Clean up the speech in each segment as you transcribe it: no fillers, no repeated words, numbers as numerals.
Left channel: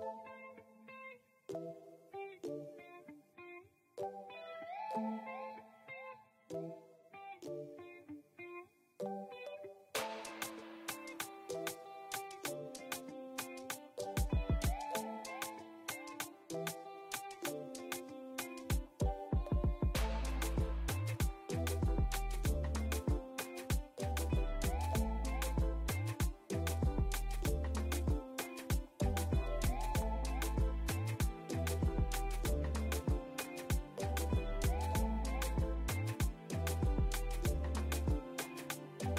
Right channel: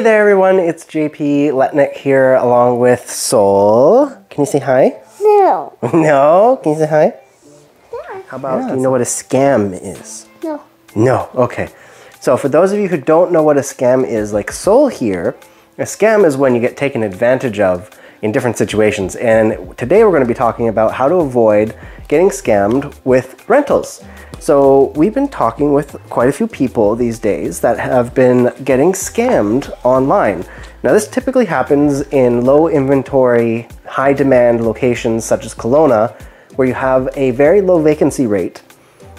Hey there everyone, it's JP Letnick here along with Sol. Can you say hi? No. No? Can you say hi? Yeah. How about, do you know what a scam is? No. No, okay. So for those of you who don't know what a scam is, like Sol here, a scam is when you get taken advantage of in different situations. And today we're going to be talking about how to avoid getting scammed with rentals. So we've been talking with quite a few people these days that have been getting scammed online. Now this typically happens in low inventory, high demand locations such as Kelowna, where you have a very low vacancy rate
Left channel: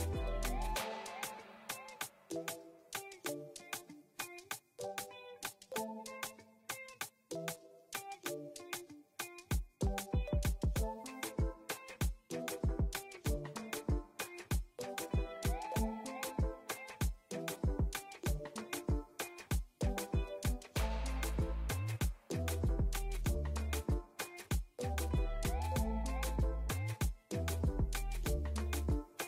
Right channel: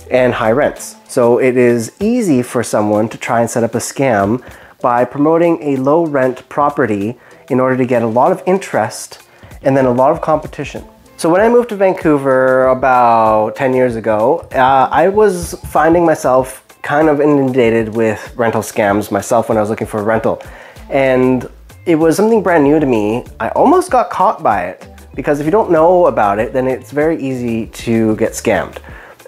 and high rents. So it is easy for someone to try and set up a scam by promoting a low rent property in order to get a lot of interest and then a lot of competition. So when I moved to Vancouver about 10 years ago, I was finding myself kind of inundated with rental scams myself when I was looking for a rental. And it was something brand new to me. I almost got caught by it because if you don't know about it, then it's very easy to get scammed.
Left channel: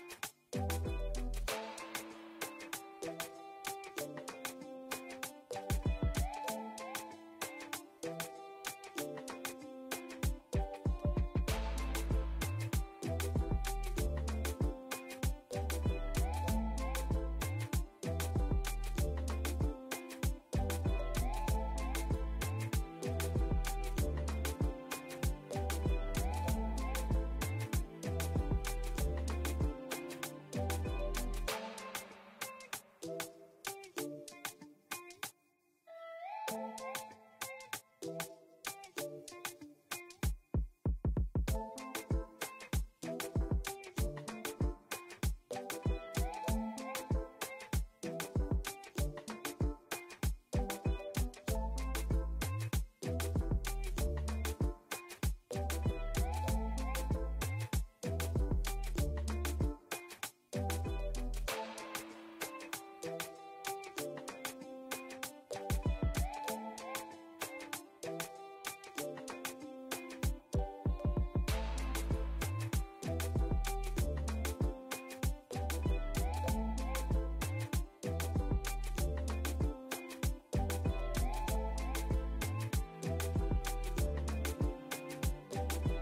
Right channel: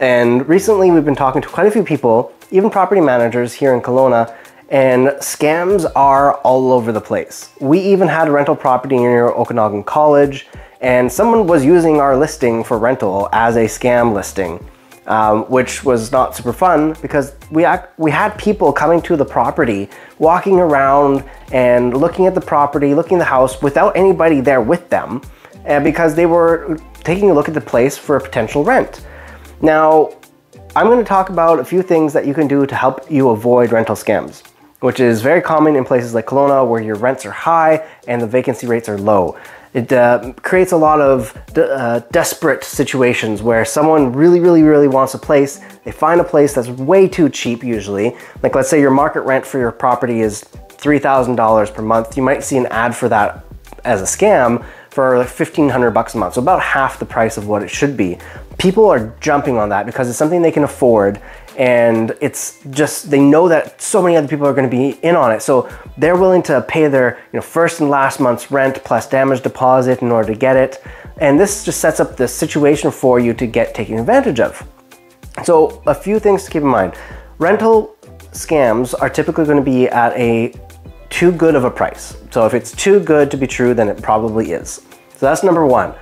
And recently we've been talking to quite a few people, even property managers here in Kelowna, and scams are all over the place. We even had a rental property near Okanagan College, and someone was using our listing for rental as a scam listing, which was not super fun because we had people coming to the property, walking around and looking at the property, looking at the house without anybody there with them, and because they were taking a look at the place for a potential rent. Now, I'm going to talk about a few things that you can do to help you avoid rental scams, which is very common in places like Kelowna where your rents are high and the vacancy rates are low. It creates a lot of desperate situations where someone really wants a place. They find a place that's way too cheap usually. Like let's say your market rent for your property is $3,000 per month. You might see an ad for that as a scam for like $1,500 a month, so about half the price of what it should be. People are jumping on that because it's something they can afford, and it's just, they know that so many other people are going to be in on it, so they're willing to pay their first and last month's rent plus damage deposit in order to get it, and this just sets up the situation for you to get taken advantage of. So a few things to keep in mind. Rental scams are typically going to be at a too good of a price. So if it's too good to be true, then it probably is. So that's number one.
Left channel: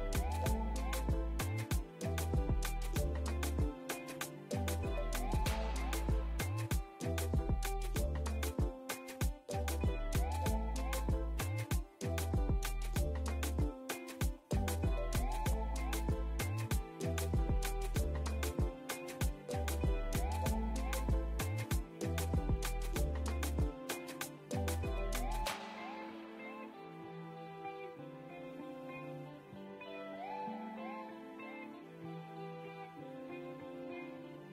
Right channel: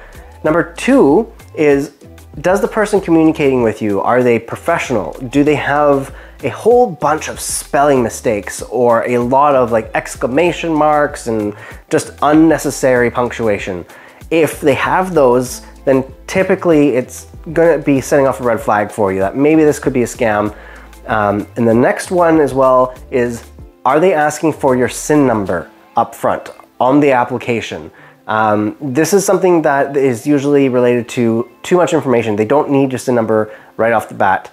Number two is, does the person communicating with you, are they professional? Do they have a whole bunch of spelling mistakes or a lot of like exclamation marks and just unnecessary punctuation? If they have those, then typically it's gonna be setting off a red flag for you that maybe this could be a scam. And the next one as well is, are they asking for your SIN number up front on the application? This is something that is usually related to too much information. They don't need your SIN number right off the bat.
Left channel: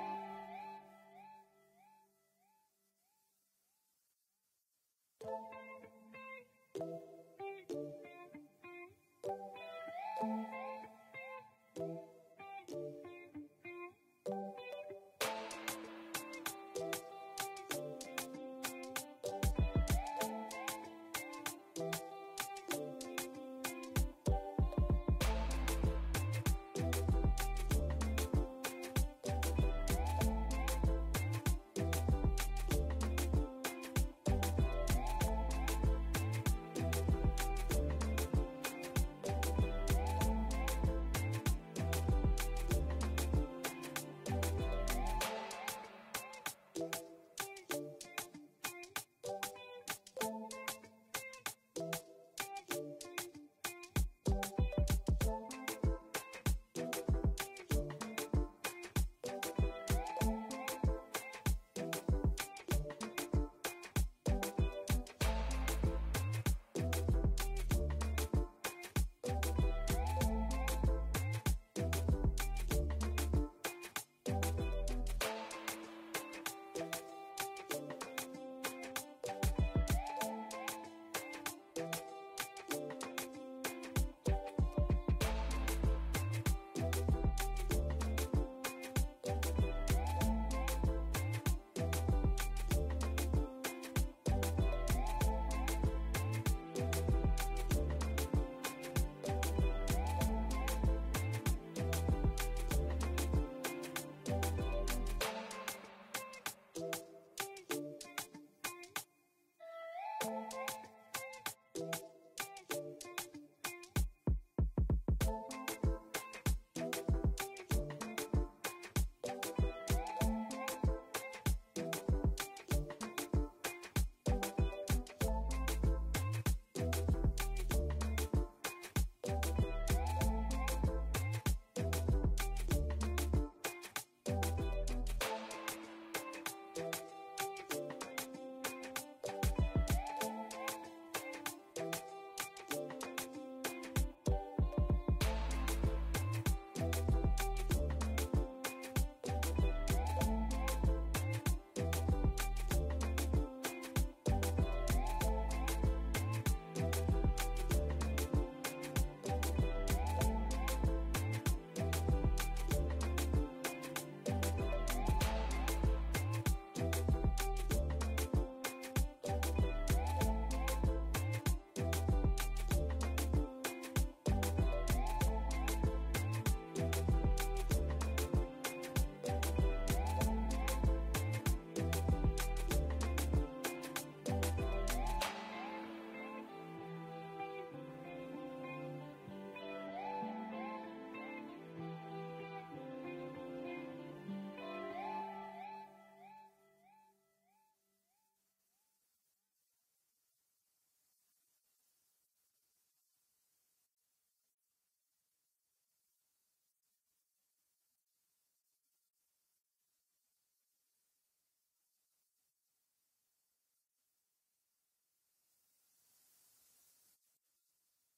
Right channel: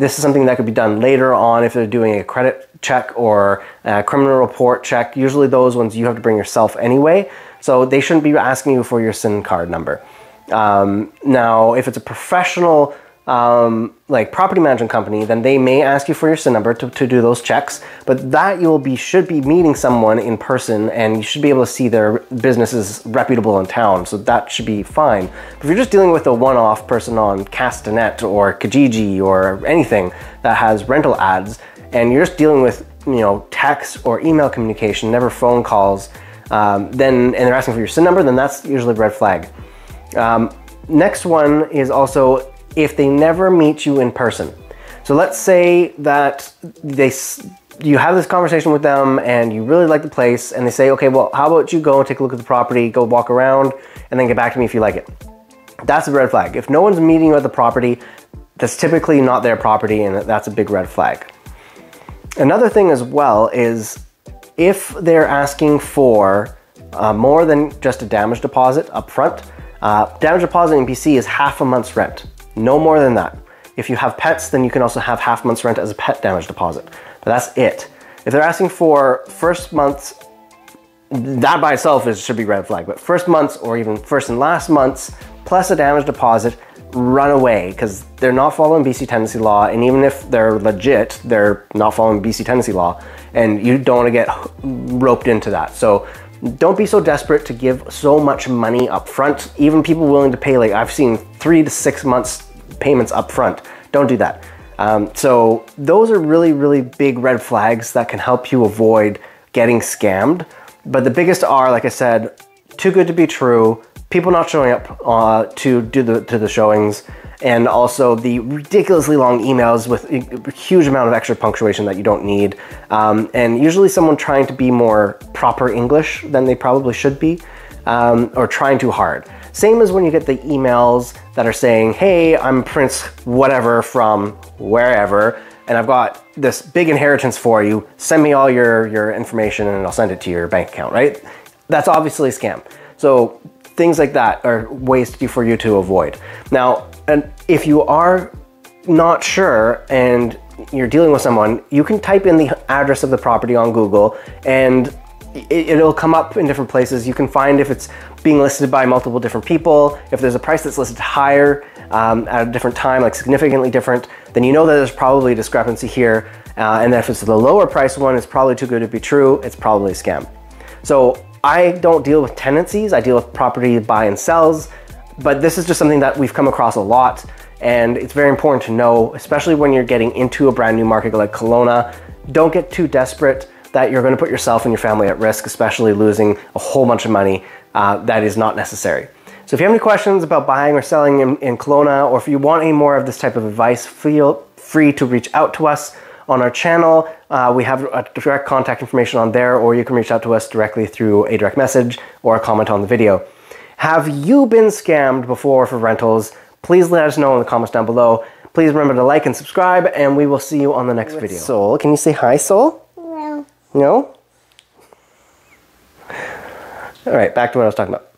This is something that could be done later on if they're doing a credit check or a criminal report check. Usually those ones you have to bring yourself anyway, so they shouldn't be asking you for your SIN card number. Now, if it's a professional like property management company, then they may ask you for your SIN number to do those checks, but that should be meeting someone in person and you should be able to see their business is reputable in town, so that should be fine. But if you're just dealing with a one-off person on Castanet or Kijiji or anything that has rental ads, and you're just dealing with text or email communication, never phone calls, and they're asking for your SIN number, then that's usually a red flag. Next one is also if they never meet you in person. So let's say that you have this conversation with them and you really like the place and they say, okay, well, how about you go and take a look at the property, go walk around, and then get back to me if you like it. That's a red flag. If no one's meeting you at the property, that's typically not their property, and that's a big red flag. Another thing as well is if they're asking for more than just a damage deposit up front. Damage deposit in BC is half a month's rent, no more than that. If you have pets, then you can also have half a month's rent as a pet damage deposit, but that's it. If they're asking for first month's, that by itself should be red flag, but first month's or even first and last month's plus a damage deposit, run away, because they're not following BC tenancy law, and even if they're legit, they're not following BC tenancy law, and you don't want to get roped into that. So don't be so desperate to give so much money up front. Even people willing to pay, like I've seen 3 to 6 months payments up front. Don't do that. So those are really big red flags that can help you avoid getting scammed. But the biggest are, like I said, too good to be true, people not showing up to the showings, and also the ridiculously long emails with a huge amount of extra punctuation that you don't need, and usually someone trying to be more proper English than they probably should be, or trying too hard. Same as when you get the emails that are saying, hey, I'm Prince whatever from wherever, and I've got this big inheritance for you, send me all your information and I'll send it to your bank account, right? That's obviously a scam. So things like that are ways for you to avoid. Now, and if you are not sure and you're dealing with someone, you can type in the address of the property on Google and it'll come up in different places. You can find if it's being listed by multiple different people. If there's a price that's listed higher at a different time, like significantly different, then you know that there's probably a discrepancy here. And if it's the lower price one, it's probably too good to be true. It's probably a scam. So I don't deal with tenancies, I deal with property buy and sells, but this is just something that we've come across a lot, and it's very important to know, especially when you're getting into a brand new market like Kelowna. Don't get too desperate that you're going to put yourself and your family at risk, especially losing a whole bunch of money that is not necessary. So if you have any questions about buying or selling in Kelowna, or if you want any more of this type of advice, feel free to reach out to us on our channel. We have a direct contact information on there, or you can reach out to us directly through a direct message or a comment on the video. Have you been scammed before for rentals? Please let us know in the comments down below. Please remember to like and subscribe, and we will see you on the next video. Soul, can you say hi, Soul? No. No? All right, back to what I was talking about.